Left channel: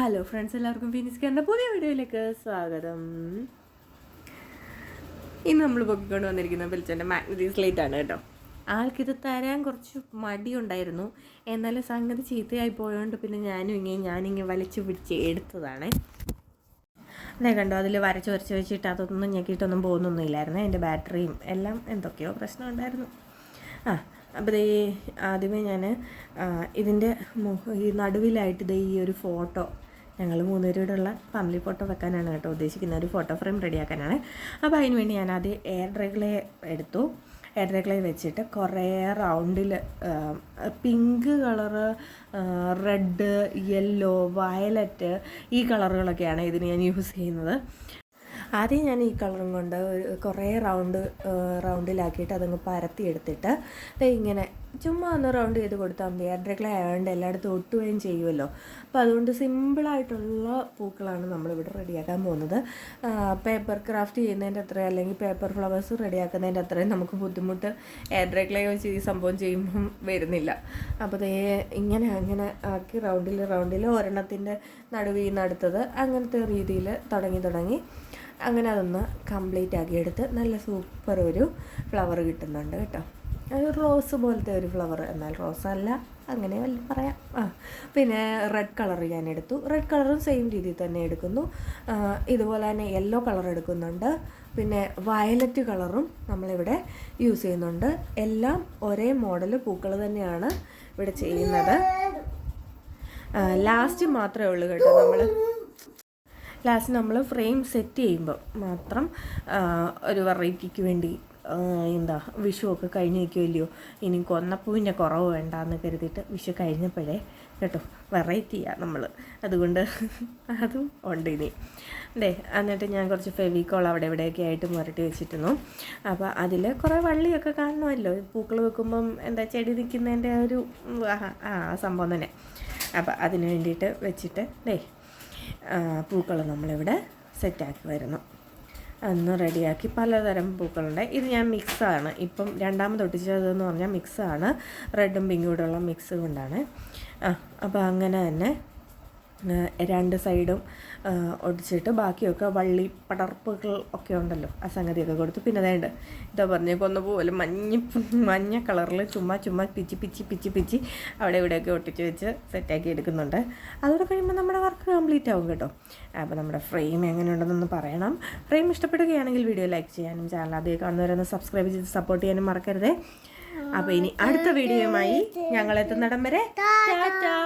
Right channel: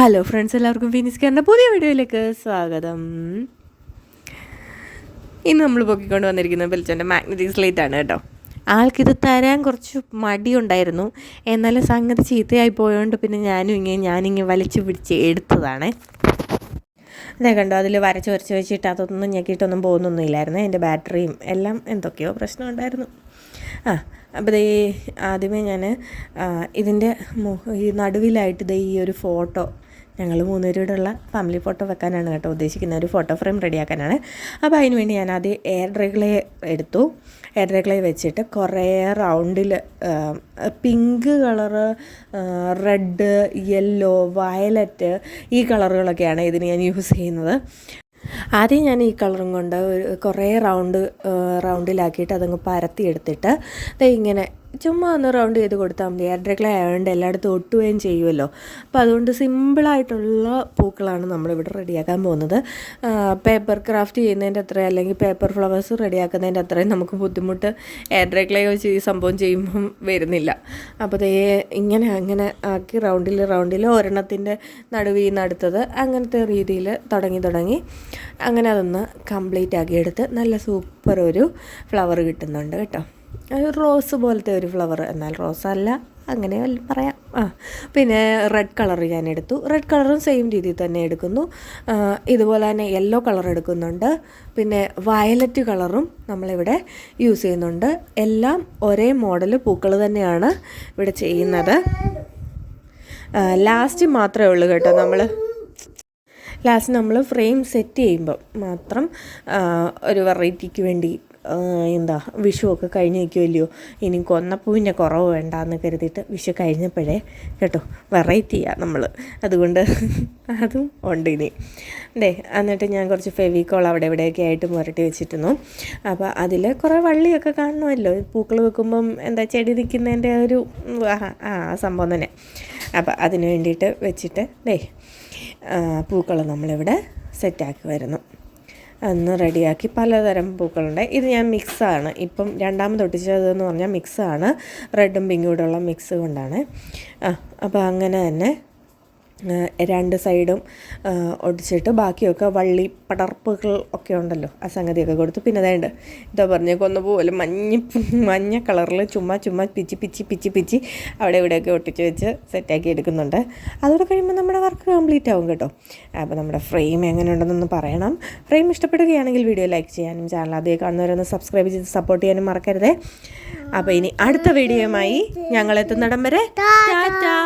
Hello friends എല്ലാവർക്കും ഫിനിസ്കാറിന്റെ പുതിയ വീഡിയോയിലേക്ക് സ്വാഗതം. ഇന്ന് നമ്മൾ പൊക്കിക്കൊണ്ട് വന്നിരിക്കുന്നത് വെളിച്ചന്റെ മാഗ്നറ്റിക് സ്ലേറ്റ് ആണ് കേട്ടോ. ആൾക്കിത് തരാൻ കുറച്ച് മടിയുണ്ടായിരുന്നു എന്നാലും സംഗതി ചീത്തയായി പോയതുകൊണ്ട് പിന്നെ ഞാനും ഇങ്ങനെ ഞാനിങ്ങനെ വലിച്ചു പിടിച്ച് എടുത്തതാണ്. ഞാൻ കണ്ടോ അതിൽ വരച്ച് വരച്ച് വെച്ചിട്ട് അതൊന്നും ഞെക്കിയിട്ടൊന്നും പോകുന്നൊന്നുമില്ലായിരുന്നു എന്റെ ബാറ്ററിയും എല്ലാം എന്തൊക്കെയോ പ്രശ്നം ഉണ്ടായിരുന്നു. ആ അപ്പോൾ ദേ ആദ്യമേ ഞാൻ ഇതിന്റെ ഈ നടുവിലായിട്ട് ദേ ഈ ഒരു ഫോട്ടോ ഞങ്ങൾ മൂന്നുപേരോടുള്ള ഫാമിലി ഫോട്ടോ വെക്കാനാണ് കേട്ടോ ഉദ്ദേശിക്കുന്നത്. ഒരു ഫോട്ടോ ഫ്രെയിം റെഡിയാക്കാനാണ് അപ്പോൾ അതിന് വേണ്ടി ഞാൻ ആദ്യം എയർ ഡ്രൈകളെ എടുത്തു. എയർ ഡ്രൈകളെ വെച്ചിട്ട് കുറേ റൗണ്ടിൽ pink colour red yellow violet ഈ കളറുകളൊക്കെയാണ് ഇതിന് ഞാൻ യൂസ് ചെയ്യുന്നത്. ആദ്യം ഞാൻ ഈ കളറും കൊണ്ട് കുറേ റൗണ്ട് റൗണ്ടിലാക്കിയിട്ട് അതങ്ങ് പരത്തി എടുത്തിട്ട് ഇങ്ങനെ ചുമ്മാ ഒന്ന് റൗണ്ട് ചെയ്ത് കൊടുത്താൽ മതി. എയർ ഡ്രൈക്ലേ ആയതുകൊണ്ട് എല്ലായിടത്തും ഒട്ടുകയും ചെയ്യുമല്ലോ അപ്പോൾ അതുകൊണ്ട് സിമ്പിളായിട്ടുള്ള പൂക്കളാണ് നമ്മളിവിടെ റെഡിയാക്കാൻ പോകുന്നത്. പേപ്പർ ക്രാഫ്റ്റ് ചെയ്യുന്നതിന്റെ അത്ര അല്ലെങ്കിൽ പേപ്പർ ഫ്ലവേഴ്സ് റെഡിയാക്കുന്നതിന്റെ അത്രയും നമുക്ക് ബുദ്ധിമുട്ട് എയർ ഡ്രൈക്ലേ വെച്ച് ഈ സംഭവം ചെയ്യുമ്പം വരുന്നില്ല. അപ്പോൾ ദേ ഇങ്ങനെ അങ്ങനെ ആക്കി റൗണ്ടിൽ റൗണ്ടിൽ ഒരെണ്ണത്തിന്റെ നടുവിൽ നിന്ന് അടുത്തത് അങ്ങനത്തെ രീതിയിൽ തുടങ്ങി തുടങ്ങി അങ്ങനെ അതൊന്ന് കംപ്ലീറ്റ് ആക്കി എടുത്ത് നല്ല സൂപ്പർ ഒരു ഫ്ലവർ കിട്ടുന്നുണ്ട് കേട്ടോ. ഒരു റോസ് പോലത്തെ ഒരു ഫ്ലവർ എന്നാൽ റോസ് അല്ല അങ്ങനെ പറയാം. ആ പിന്നെ റെഡ് കളർ ഞാൻ എടുത്തു. റെഡ് കളറും സെയിം രീതിയിൽ തന്നെ എടുക്കുന്നു. ഇതുപോലെ തന്നെ യെല്ലോ കളർ എടുക്കുന്നുണ്ട്. പിന്നെ വയലറ്റ് കളറും നമ്മളിവിടെ യൂസ് ചെയ്യുന്നുണ്ട്. എല്ലാം ഒരേ മോഡൽ പൂക്കൾ തന്നെയാണ് ഇവിടെ ചെയ്യുന്നത്. ലാസ്റ്റ് മാത്രമേ ഉള്ളൂ കേട്ടോ നമ്മൾ ലാസ്റ്റ് നമ്മൾ ഫ്രെയിം സെറ്റ് ചെയ്യുമ്പോൾ മാത്രം ഒരു വെറൈറ്റിക്ക് വേണ്ടി എന്താ വിഷുവൊക്കെ കഴിഞ്ഞ് നിൽക്കുമല്ലയോ ഇനി കൊന്നപ്പൂവിന്റെ കുറവ് വേണ്ടാന്ന് കരുതിയിട്ട് വിഷു കഴിഞ്ഞപ്പോഴേ കേട്ടോ വെറൈറ്റിയാണ് നമ്മൾ അതുകൊണ്ട് അതും ഉണ്ട് ഇനി. ഡേ എന്നിട്ട് ഞാൻ കുറച്ച് ഫെവിക്കോൾ അവിടെ ഇവിടെയൊക്കെ ആയിട്ട് മുരട്ടി വെച്ചിരുന്നു. അപ്പോൾ അതിൽ കുറേ വള്ളിയൊക്കെ കാണണമല്ലോ പൂക്കൾ വെക്കുമ്പം എന്താ ചെടി നിൽക്കുന്നതിന്റെ ഒരു ആ സംഭവം തന്നെ. അപ്പോൾ അതിന് വേണ്ടിയിട്ട് വെച്ചിട്ട് ഡേ പൂക്കൾ നമ്മളിവിടെ സെറ്റാക്കി വരുന്നു. ഒന്ന് റെഡിയാക്കി പലതരം പൂക്കളുണ്ട്. ഇത് ഞാൻ മിക്സാണ്. ഇപ്പം രണ്ടാമത് ഒട്ടിച്ചതെന്ന് പറഞ്ഞാൽ മിക്സാണ്. റെഡും പിങ്കും കൂടെ ഉള്ള മിക്സ് കൊണ്ടാണ്. ആ അപ്പോൾ അങ്ങനെ തന്നെ രണ്ട് സൈഡും ഒടിച്ചിട്ട് ബാക്കിയൊക്കെ വള്ളി പടർപ്പുകൾ ഒക്കെ ഉണ്ടല്ലോ ആ സംഗതിയൊക്കെ കൊടുത്തു. പിന്നെ അതായത് ഇതാ പറഞ്ഞ കൊന്ന പോലെ മഞ്ഞ മഞ്ഞ കളറിൽ ചുമ്മാ ചുമ്മാ പിച്ചി പിച്ചി പിച്ചി പിച്ചി അവിടെ ഇവിടെയൊക്കെ ഒട്ടിച്ച് വെച്ച് സെറ്റാക്കി എടുക്കുന്നുണ്ട്. അതോടെ കഴിയുമ്പോൾ നമ്മുടെ വർക്ക് കംപ്ലീറ്റ് ആവും കേട്ടോ. അപ്പോൾ നമ്മുടെ ഫ്രെയിം എങ്ങനെ ഉണ്ടെന്നൊന്ന് പറയണം. ഫ്രെയിം ഇഷ്ടപ്പെടുകയാണെങ്കിൽ വീഡിയോ ലൈക്ക് ചെയ്യാനും ചാനൽ അതേ കാണുന്നവരൊന്ന് സബ്സ്ക്രൈബ് ചെയ്ത് സപ്പോർട്ട് ചെയ്യാനും മറക്കരുതേ. അപ്പോൾ ഇനി അടുത്ത വീഡിയോയുമായി ഞങ്ങൾ എത്തുന്നിടം വരെ. ടാറ്റാ.